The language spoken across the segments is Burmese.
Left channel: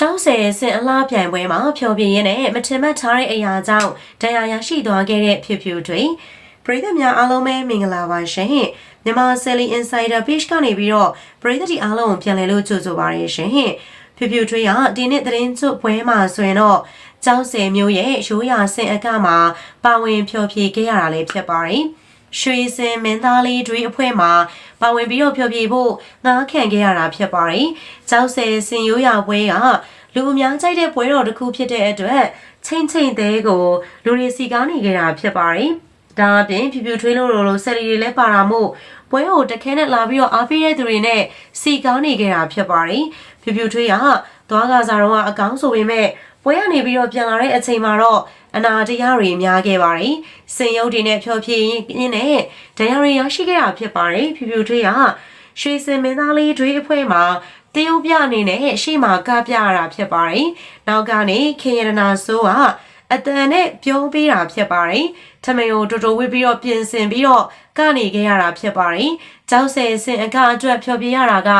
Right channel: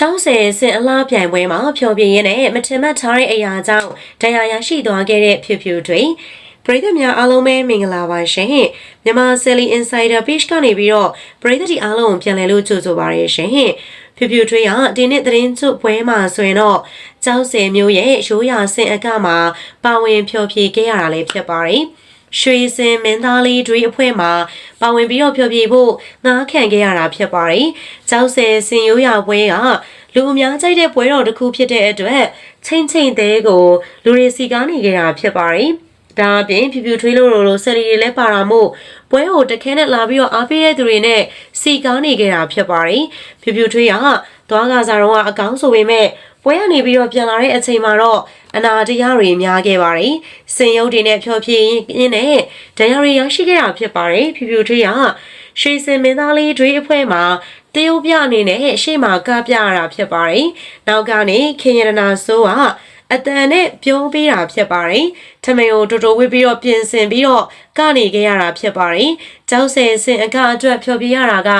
ချောင်းဆယ်စင်အလားပြိုင်ပွဲမှာဖျော်ပြရင်းနဲ့မထင်မှတ်ထားတဲ့အရာကြောင့်တရားရရှိသွားခဲ့တဲ့ဖြူဖြူတွေပရိသတ်များအားလုံးပဲမင်္ဂလာပါရှင်မြန်မာ Selly Insider Page ကနေပြီးတော့ပရိသတ်ဒီအားလုံးကိုပြန်လည်လို့ကြိုဆိုပါရရှင်ဖြူဖြူထွေးကဒီနေ့သတင်းချုပ်ပွဲမှာဆိုရင်တော့ကျောင်းဆယ်မျိုးရဲ့ရိုးရာစင်အကမှာပါဝင်ဖျော်ဖြေခဲ့ရတာလည်းဖြစ်ပါတယ် ရွှေစင်မင်းသားလေးတွေအဖွဲ့မှာပါဝင်ပြီးတော့ဖျော်ဖြေဖို့ငားခံခဲ့ရတာဖြစ်ပါတယ်။ကျောက်ဆယ်စင်ရိုးရာပွဲကလူအများကြိုက်တဲ့ပွဲတော်တစ်ခုဖြစ်တဲ့အတွက်ချင်းချင်းသေးကိုလူတွေစီကားနေကြတာဖြစ်ပါတယ်။ဒါအပြင်ဖြူဖြူထွေးလို့လို့ဆက်ရီတွေလည်းပါတာမို့ပွဲကိုတခဲနဲ့လာပြီးတော့အားပေးတဲ့သူတွေနဲ့စီကားနေကြတာဖြစ်ပါတယ်။ဖြူဖြူထွေးကသွားကစားတော့အကောင်းဆိုပေမဲ့ပွဲကနေပြီးတော့ပြန်လာတဲ့အချိန်မှာတော့ အနာတရားတွေများခဲ့ပါတယ်။စင်ရုပ်တွေနဲ့ဖျော်ဖြေရင်းနဲ့တရားတွေရရှိခဲ့တာဖြစ်ပါတယ်။ဖြူဖြူထွေးကရွှေစင်မင်းသားလေးတွေအဖွဲ့မှာတရုတ်ပြအနေနဲ့ရှေ့မှာကပြရတာဖြစ်ပါတယ်။နောက်ကနေခင်ရနာစိုးကအတန်နဲ့ပြောပေးတာဖြစ်ပါတယ်။ထမယိုတိုတိုဝစ်ပြီးတော့ပြင်ဆင်ပြီးတော့ကနေခဲ့ရတာဖြစ်ပါတယ်။ကျောက်ဆယ်စင်အကအတွက်ဖြောပြရတာက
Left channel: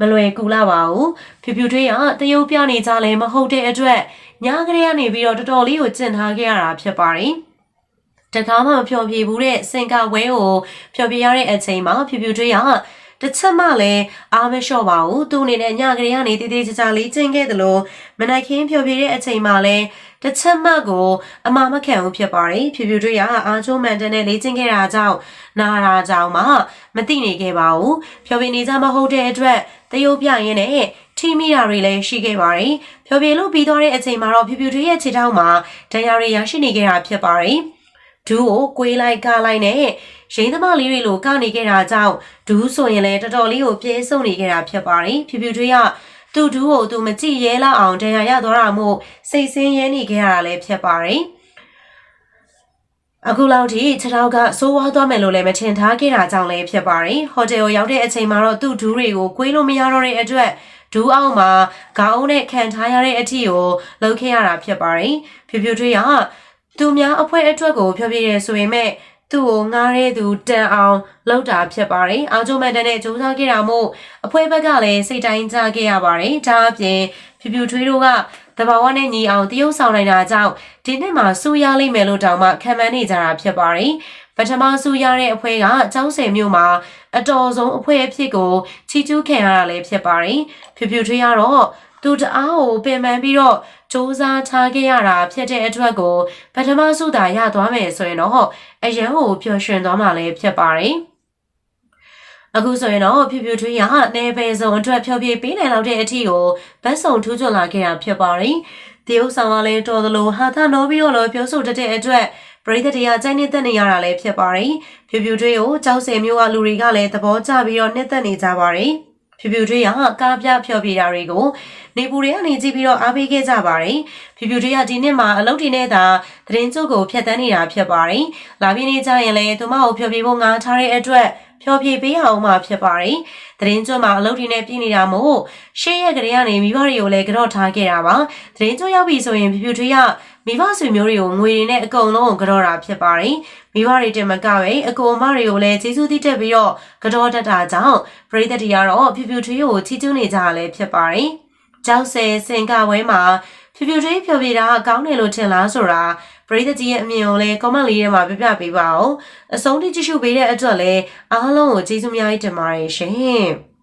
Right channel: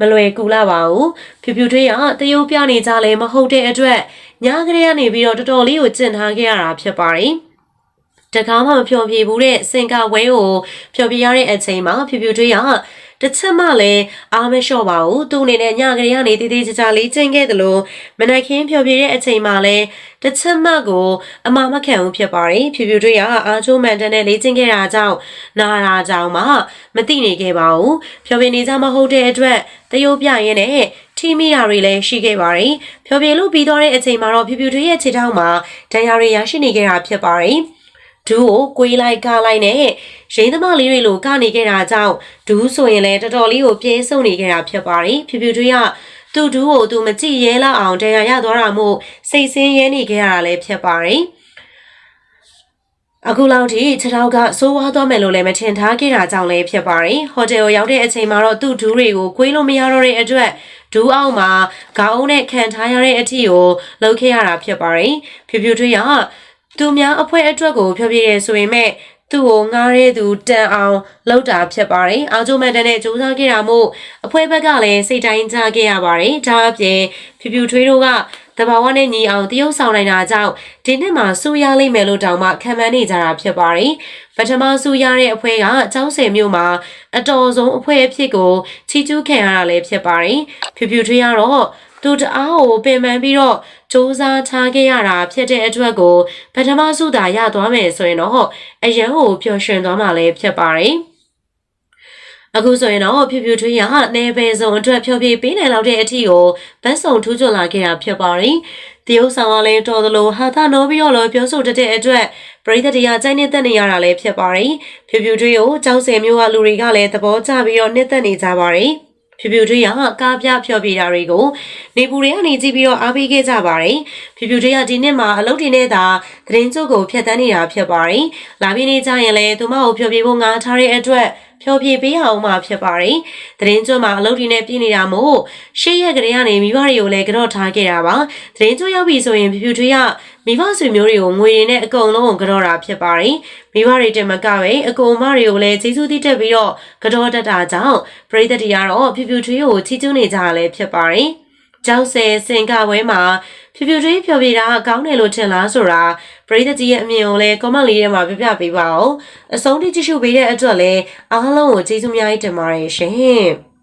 မလွယ်ကူလာပါဘူး။ဖြူဖြူထွေးကတရုတ်ပြနေကြလည်းမဟုတ်တဲ့အတွက် ညကလေးကနေပြီးတော့တော်တော်လေးကိုကျင့်ထားခဲ့ရတာဖြစ်ပါတယ်။တကားမှမဖြောပြဘူးတဲ့စင်ကဝဲကိုဖြောပြရတဲ့အချိန်မှာဖြူဖြူထွေးက တစ်ချက်မှလည်းအားမလျှော့ပါဘူးသူ့အနေနဲ့ညကလေးကနေတည်တည်ကြကြလေးကျင့်ခဲ့တယ်လို့မနက်ခင်းဖြောပြတဲ့အချိန်မှာလည်းတစ်ချက်မှကိုအမမခံဘူးဖြစ်ပါတယ်ဖြူဖြူတွေကအာချိုးမန်တန်နဲ့လေးကျင့်ခဲ့တာကြောင့်နာတာကြောင့်မှမသိနေခဲ့ပါဘူးဖြောပြနေကြမဟုတ်တဲ့အတွက်တရုတ်ပြရင်းနဲ့ထိမိတာတွေလည်းရှိခဲ့ပါတယ်ဖြောပြလို့ပြီးသွားတဲ့အချိန်မှာတော့ဖြူဖြူတွေရဲ့ခြေထောက်မှာဒဏ်ရာတွေရရှိနေခဲ့တာဖြစ်ပါတယ် ဒူးကိုကွေးလိုက်ကားလိုက်နဲ့ရင်းသမားလေးတွေလိုကနေခဲ့တာကြောင့်ဒူးဆိုရင်လည်းတော်တော်လေးကိုပြဲဆုံနေခဲ့တာဖြစ်ပါတယ်ဖြူဖြူတွေကသူ့ဒူးကိုသူမကြည့်ရဲလောက်အောင်တရားရသွားတာမို့စိတ်ဆင်းရဲနေခဲ့ရတာလည်းဖြစ်ပါတယ်အခုလောက်ထိခြေထောက်ကစိုးဝါးသွားမယ်လို့လည်းမထင်ထားခဲ့တာကြောင့်လည်းဖြစ်ပါတယ်ဟိုတယ်ကိုရောက်တဲ့အချိန်မှာတော့သူ့ဒူးတွေကိုကွေးလို့မရတော့တဲ့အတွက်ဒူးအောင်မှာခေါင်းနဲ့ခံထားရတဲ့အထီကိုလှုပ်ခဲ့ရတာဖြစ်ပါတယ်ဖြူဖြူထွေးက သူများအဖွဲအတွက်ကိုဖြောပြရဲဆိုရင်မဲ့သူ့ကိုငားရဲသူတန်အောင်လောက်တာဖြစ်ပါတယ်။အာဂျိုမန်တန်နဲ့ကြိုးစားခဲ့တာမို့အဖွဲဘက်ကလည်းစိတ်တိုင်းကြခဲ့ရပါတယ်။ဒါအပြင်ဖြူဖြူထွေးတို့ကတဘာဝနဲ့ညီအောင်တရုပ်ဆောင်နိုင်တာကြောင့်ဒီနှစ်မှာစူရလိမ့်မယ်လို့တောင်မှခံမှန်းနေကြတာဖြစ်ပါတယ်။ပထမစူရတဲ့အဖွဲကကျောင်းဆယ်မြို့မှာအတော်ဆုံးအဖွဲအဖြစ်ကိုချီကျူးခံရတာလည်းဖြစ်ပါတယ်။ဖြူဖြူထွေးကတော့သူတအားကိုပင်ပန်းပြီးတော့ စူးစမ်းထားခဲ့ရတာဖြစ်တဲ့အတွက်ကိုပထမစုတာရသွားမယ်ဆိုရင်တော့အရန်ကိုပျော်ရွှင်သွားမှာလည်းဖြစ်ပါတယ်။အခုဆိုရင်တော့ဖြူဖြူထွေးရနေပဲစုံအတွက်ဖြောပြပေးနိုင်လောက်တဲ့အထီကိုဗတ်စုံထူးချွန်လာခဲ့တာဖြစ်ပါတယ်။တရုတ်ဆောင်ကလည်းတော်သလိုဟာသာနိုးပြီးတော့လည်းပြောဆိုတတ်တဲ့အတွက်ပရိသတ်တရားကြိုက်နေသက်နေရတာလည်းဖြစ်ပါတယ်။ဖြူဖြူထွေးကိုကြောက်စင်မျိုးကလူတွေကလည်းသဘောကျပြီးတော့နှစ်သက်နေကြပါတယ်။ ဖြူဖြူထွေးကကားပြဖျော်ပြတာတွေကိုနေပူတွေကနေကြည့်ပြီးတော့အားပေးခဲ့ကြပါတယ်ဖြူဖြူထွေးကဒီနှစ်မှာအလုပ်တွေနဲ့သာသတင်းကျုပ်ကိုဖျက်ဆီးနေတာဖြစ်ပါတယ်လာပြင်းနေကြရင်လည်းသူမကိုဖျော်ပြဖို့ငါထားတဲ့အတွက် ဖျော်ဖြေပေးအောင်မှဖြစ်ပါတယ်။သတင်းကျွတ်မှာအလုပ်တွေနဲ့ပြည်နေတာမို့ရှေ့ရက်ကလေးကနေမိဘတွေကိုလည်းကြော့ထားခဲ့တာပါ။သတင်းကျွတ်ရောက်ပြီဆိုရင်ဖြူဖြူထွေးကမိဘဆွေမျိုးတွေကိုငွေတွေနဲ့အကုန်လုံးကိုကြော့တာဖြစ်ပါတယ်။မိဘတွေတင်မကပဲအကူအမတွေကိုလည်းကျေးဇူးတည်တက်ပြီးတော့ကြော့တတ်တာကြောင့်ပရိသတ်တွေကတော့ဖြူဖြူထွေးကိုချီးကျူးနေကြတာလည်းဖြစ်ပါတယ်။ ကြောက်ဆယ်စင်ကဝဲမှာဖြူဖြူထွေးဖြော်ပြတာကောင်းတယ်လို့ထင်လားဆိုတာပရိသတ်ကြီးရဲ့အမြင်ကိုလည်း comment လေးထဲမှာပြပြပေးပါဦးအဆုံးထိကြည့်ရှုပေးတဲ့အတွက်လည်းအားလုံးကိုကျေးဇူးများကြီးတင်ပါတယ်ရှင်